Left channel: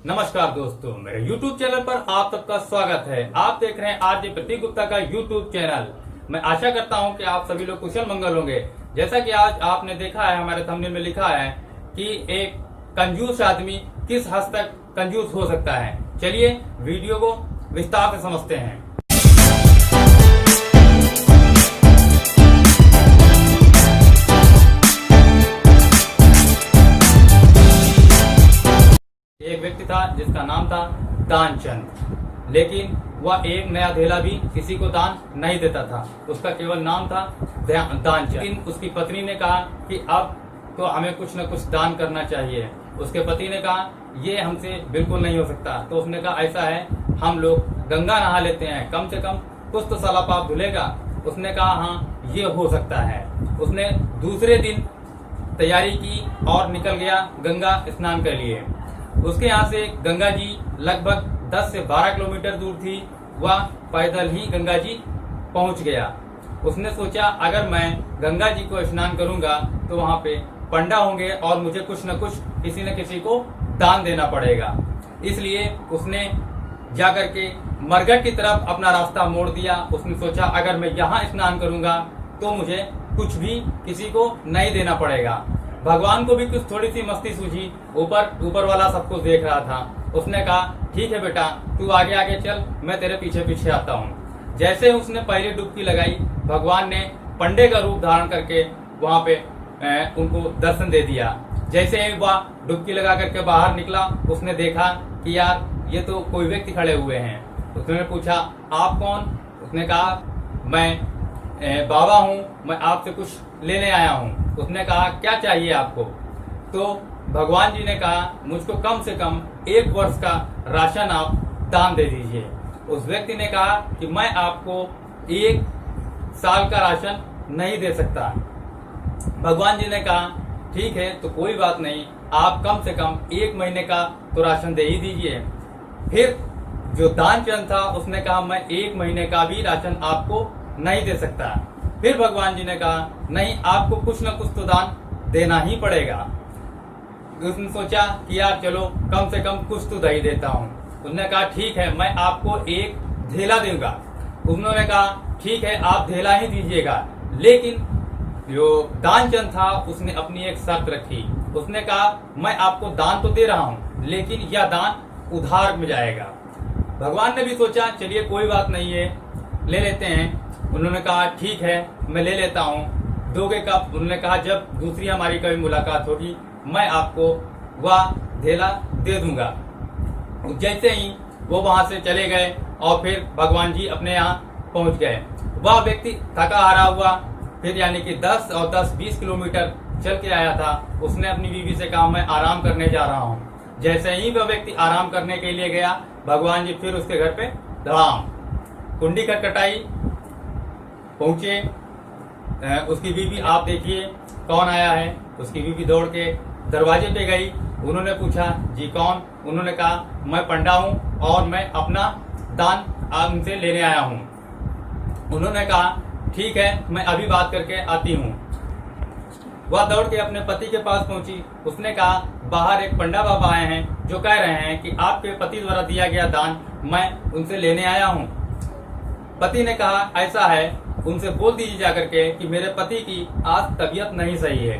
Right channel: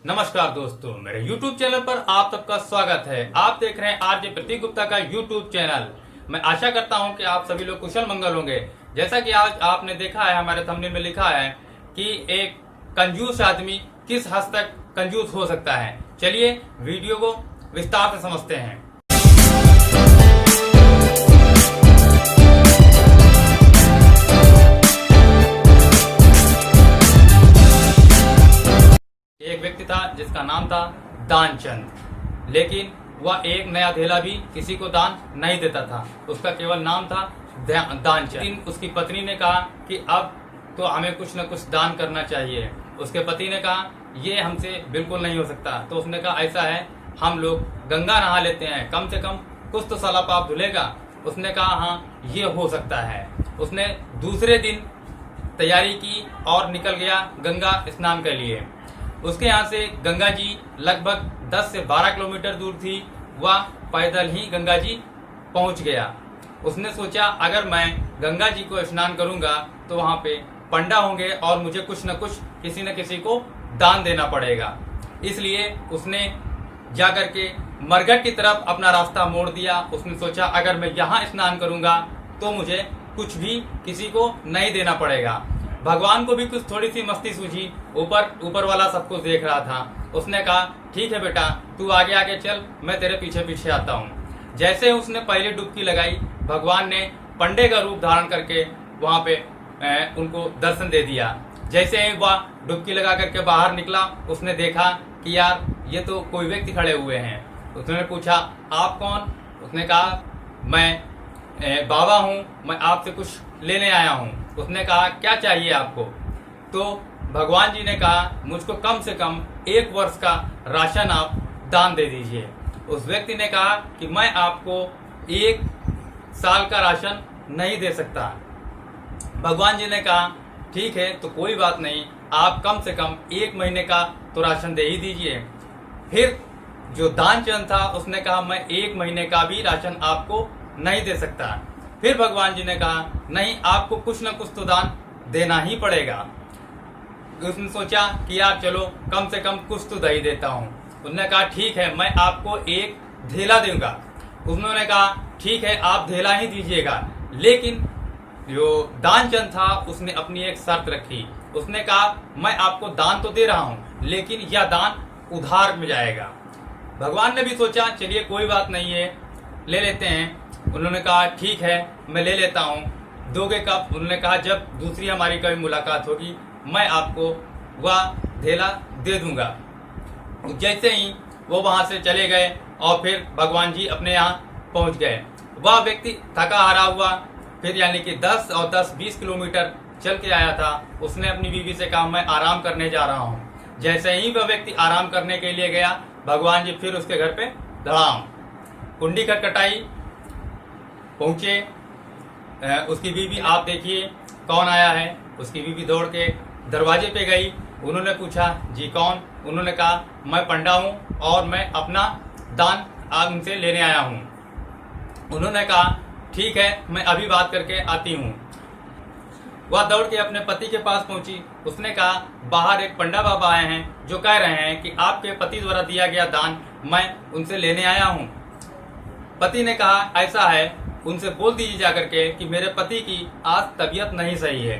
नमस्कार दोस्तों, मेरे YouTube चैनल पर आप सबका स्वागत है। आप देख रहे हैं आरजे प्रतीक गुप्ता का YouTube चैनल। मैं आशा करता हूं कि आप सभी लोग कुशल मंगल होंगे। जैसा कि आज आपने देखा है, हमारे थंबनेल में लिखा है कि एक कंजूस आदमी किस हद तक कंजूस हो सकता है। चलिए वीडियो को विस्तार से समझते हैं। एक व्यक्ति था जिसका नाम था दानचंद, लेकिन वह एक नया धेला भी किसी को दान नहीं देता था। उसका केवल नाम था दानचंद। लेकिन उसकी पत्नी ने कहा कि अब तो हमें कुछ न कुछ दान करना चाहिए। उसके पति ने कहा ये हमसे बिल्कुल नहीं हो सकता। तो उसने कहा ऐसा है, हम लोग गंगा नहा लेते हैं, कम से कम कुछ तो साला पाप धुलेगा। उसने कहा हाँ ये हो सकता है। उसने दूसरे दिन तैयारी की और निकल गया गंगा स्नान के लिए। उसके यहाँ से गंगा जी लगभग 10 से 12 किलोमीटर दूर थी। वह पैदल ही गंगा जी पहुंच गया। उसने सोचा अगर मैं गंगा जी को स्नान करूंगा तो वहां पे पंडा होंगे और मुझे कुछ न कुछ किसी न किसी को दान देना पड़ेगा। इसलिए उसने जाकर के मरघट की तरफ अपना रास्ता मोड़ दिया। उसने सोचा अगर मैं यहाँ स्नान करूंगा तो मुझे कुछ भी किसी को नहीं देना पड़ेगा। भगवान को भी कुछ थोड़ी सी मस्ती सूझी। ऊपर वाला सब कुछ देख रहा था। उसने कहा ठीक है बेटा, तू आगे आगे चल, मैं तेरे पीछे पीछे आता हूँ। जैसे उसने पहली डुबकी लगाई, भगवान ने पंडे का रूप धारण करके वहां पे उनको दर्शन दे दिया। जैसे ही वह डुबकी लगा करके बाहर निकला, उसने देखा कि यार ये तो कोई व्यक्ति खड़े हुए हैं। उसने पूछा आप कौन? उसने कहा मैं बाबा हूँ, मैं आपसे कुछ लेने आया हूँ। उसने कहा क्या चाहिए आपको? तो भगवान जी ने कहा मुझको कम से कम 1 वर्ष का राशन आप दान दे दीजिए। उस व्यक्ति ने कहा कि मैं आपको 1 साल का राशन नहीं दे सकता। भगवान जी ने कहा ठीक है तो कोई बात नहीं, आप कम से कम 1 महीने का तो राशन दे ही दीजिए। फिर जो दानचंद था उसने कहा मैं 1 महीने का भी राशन आपको नहीं दे सकता। फिर भगवान जी ने कहा नहीं, आपको कुछ न कुछ तो दान देना ही पड़ेगा। उसने सोचा कि यार चलो कम से कम कुछ तो दे ही देता हूँ। उसने कहा ठीक है, मैं आपको 1 धेला दूंगा। उन्होंने कहा ठीक है, आप धेला ही दीजिएगा। लेकिन जो दानचंद था उसने अपनी एक शर्त रखी। उसने कहा मैं आपको दान तो दे रहा हूँ, लेकिन यह दान उधार में जाएगा। भगवान ने भी सोचा चलिए कोई बात नहीं है, ले लेते हैं। उन्होंने कहा ठीक है, मैं ले लेता हूँ। दोगे कब? उन्होंने कहा जब दूसरी हमारी कभी मुलाकात होगी मैं आपको वह धेला दे दूंगा। जैसे ही वो वहां से चले गए और फिर भगवान जी अपने यहाँ पहुंच गए। वह व्यक्ति थका हारा हुआ, फिर यानी कि 10 और 10-20 किलोमीटर चल के आया था। उसने अपनी बीवी से कहा मैं आराम करने जा रहा हूँ। जैसे ही वह व्यक्ति आराम करने के लिए गया, भगवान जी फिर उसके घर पे धड़ाम, कुंडी खटखटाई, पहुंचे। उसकी बीवी आप देखिए कौन आया है। उसकी बीवी दौड़ के दरवाजे पे गई। उन्होंने पूछा जी कौन? उन्होंने कहा मैं पंडा हूँ और मैं अपना दान आज उनसे लेने आया हूँ। उन्होंने कहा ठीक है, मैं अभी बात करके आती हूँ। वह दौड़ के अपने पति के पास पहुंची। उसने कहा बाहर एक पंडा बाबा आए हैं जो कह रहे हैं कि आपके पति द्वारा दिया गया दान मैं उनसे लेने आया हूँ। पति ने कहा ऐसा है, उनसे बोल दीजिए जाकर के कि मेरे पति की आज तबीयत नहीं सही है।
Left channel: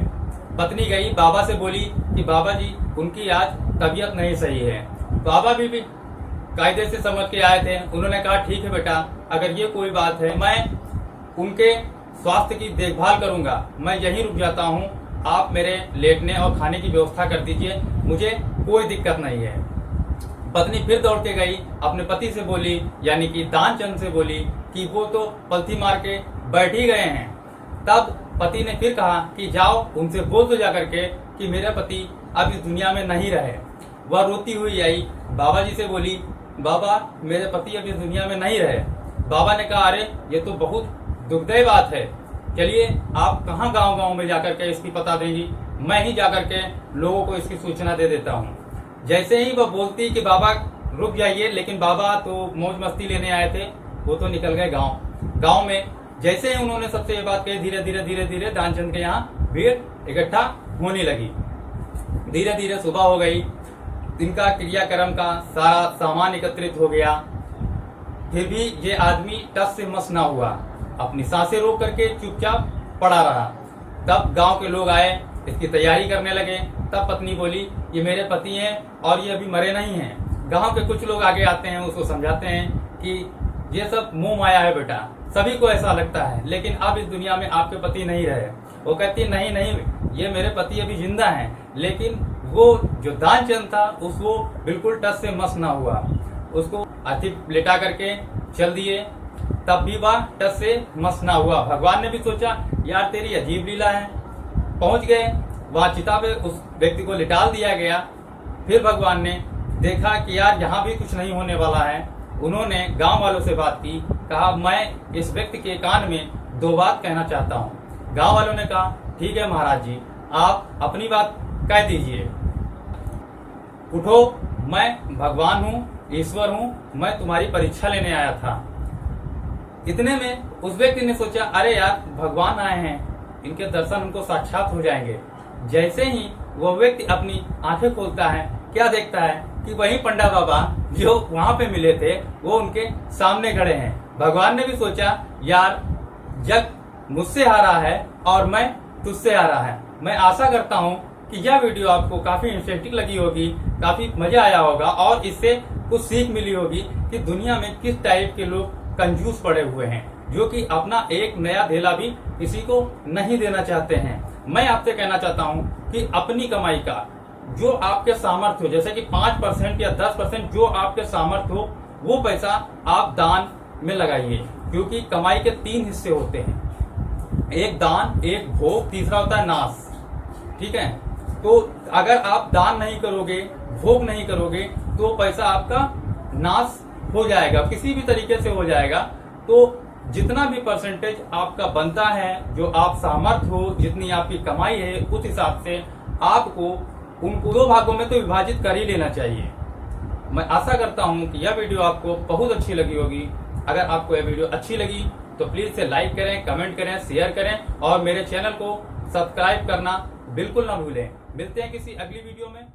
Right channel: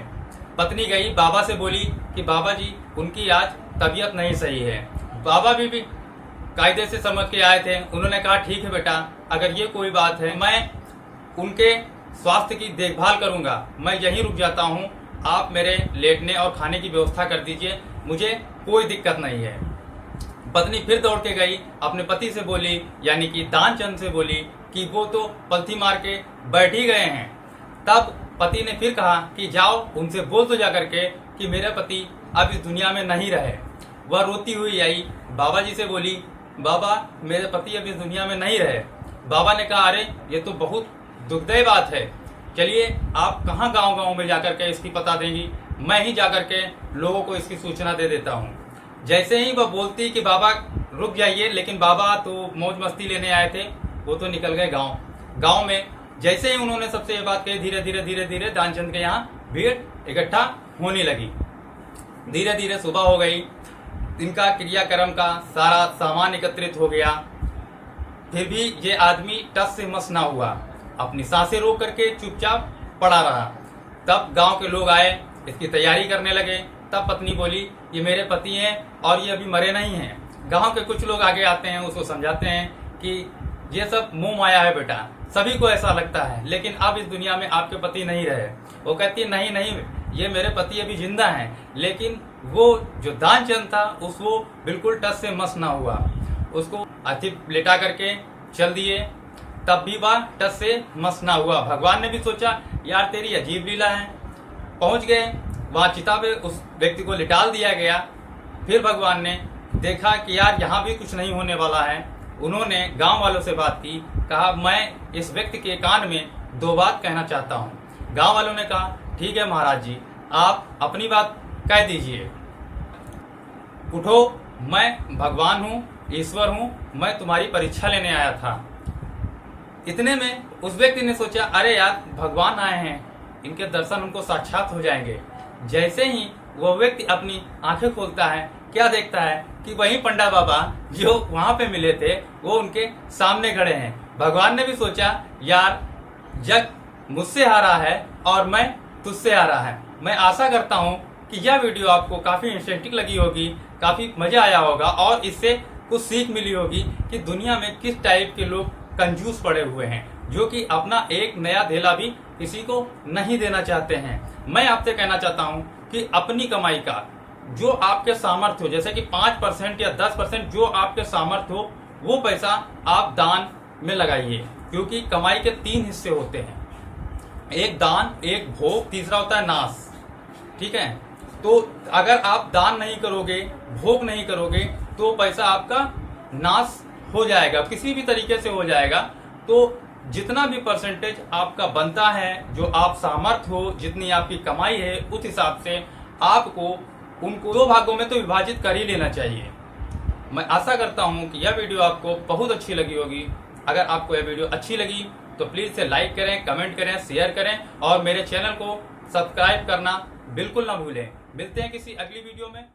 पत्नी गई बाबा से बोली कि बाबा जी उनकी आज तबीयत नहीं सही है। बाबा भी कायदे से समझ के आए थे। उन्होंने कहा ठीक है बेटा, अगर ये कोई बात है मैं उनके स्वास्थ्य की देखभाल करूंगा, मैं यहीं रुक जाता हूँ। आप मेरे लेटने और खाने की व्यवस्था कर दीजिए, मुझे कोई दिक्कत नहीं है। पत्नी फिर दौड़ के गई, अपने पति से बोली यानी कि दानचंद से बोली कि वो तो पलथी मार के बैठ ही गए हैं। तब पति ने फिर कहा कि जाओ उनसे बोल तो जाकर के कि मेरे पति अब इस दुनिया में नहीं रहे। वह रोती हुई आई, बाबा जी से बोली बाबा मेरे पति अब इस दुनिया में नहीं रहे। बाबा ने कहा अरे ये तो बहुत दुखदायी बात है, चलिए आप कहाँ गांव गांव में जाकर के इसकी पता देंगी, मैं ही जाकर के लोगों को इसकी सूचना दे देता हूँ। जैसे ही वह बोलती कि बाबा रुक जाइए, लेकिन बाबा तो मौज मस्ती लेने आए थे, वो तो निकल गए गांव में। जैसे ही उन्होंने सबसे ये बात कही, धीरे धीरे दानचंद के यहाँ भीड़ इकट्ठा होने लगी। धीरे धीरे सुबह हो गई। इनका क्रियाक्रम का सारा सामान एकत्रित हो गया, फिर भी ये आदमी टस से मस ना हुआ, अपनी सांसें रोक करके चुपचाप पड़ा रहा। तब गांव के लोग आए, इसकी तैयारी करने लगे। तब पत्नी बोली, ये मेरे पति हैं और ये अभी मरे नहीं हैं। गांव के कुछ लोग आगे आते हैं, उसको समझाते हैं कि ये सब मोह माया है बेटा, सभी को ऐसा लगता है, लेकिन अब इस दुनिया में आपके पति नहीं रहे। वो कहती है, नहीं नहीं, ये मेरे पति अभी जिंदा हैं। लेकिन वो जो दानचंद था उसको बिल्कुल टस से मस ना हुआ, उसको अति लेटा करके चल दिए, तब भी वह टस से मस ना हुआ। भगवान ने भी सोचा, यार तेरी अजीब लीला है। पहुंच गए वहां, चिता पे उस व्यक्ति को लिटाल दिया गया। फिर भगवान ने देखा कि यार यहाँ भी कुछ नहीं होने वाला है। उन्होंने गांव वालों से बात की, कहा मैं इस व्यक्ति के कान में 2 बात कहना चाहता हूँ। गांव वालों ने कहा, ठीक है महाराज जी, आप अपनी बात कह दीजिए। उठो, मैं भगवान हूँ, ईश्वर हूँ, मैं तुम्हारी परीक्षा लेने आया था। इतने में उस व्यक्ति ने सोचा, अरे यार भगवान आए हैं, इनके दर्शन उनको साक्षात हो जाएंगे। जैसे ही वो व्यक्ति अपनी आंखें खोलता है, क्या देखता है कि वही पंडा बाबा जो वहां पे मिले थे वो उनके सामने खड़े हैं। भगवान ने भी सोचा, यार जग मुझसे हारा है और मैं तुझसे हारा है। मैं आशा करता हूँ कि यह वीडियो आपको काफी इंटरेस्टिंग लगी होगी, काफी मजा आया होगा और इससे कुछ सीख मिली होगी कि दुनिया में किस टाइप के लोग कंजूस पड़े हुए हैं, जो कि अपना एक नया धेला भी किसी को नहीं देना चाहते हैं। मैं आपसे कहना चाहता हूं कि अपनी कमाई का जो आपके सामर्थ्य हो, जैसे कि 5% या 10% जो आपके सामर्थ्य हो, वो पैसा आप दान में लगाइए, क्योंकि कमाई के 3 हिस्से होते हैं, एक दान, एक भोग, तीसरा होता है नाश। ठीक है, तो अगर आप दान नहीं करोगे, भोग नहीं करोगे, तो पैसा आपका नाश हो जाएगा, किसी भी तरीके से हो जाएगा। तो जितना भी परसेंटेज आपका बनता है, जो आप सामर्थ्य हो, जितनी आपकी कमाई है, उस हिसाब से आपको उनको 2 भागों में तो विभाजित कर ही लेना चाहिए। मैं आशा करता हूं कि यह वीडियो आपको बहुत अच्छी लगी होगी। अगर आपको यह वीडियो अच्छी लगी तो प्लीज इसे लाइक करें, कमेंट करें, शेयर करें और मेरे चैनल को सब्सक्राइब करना बिल्कुल ना भूलें। मिलते हैं किसी अगली वीडियो में।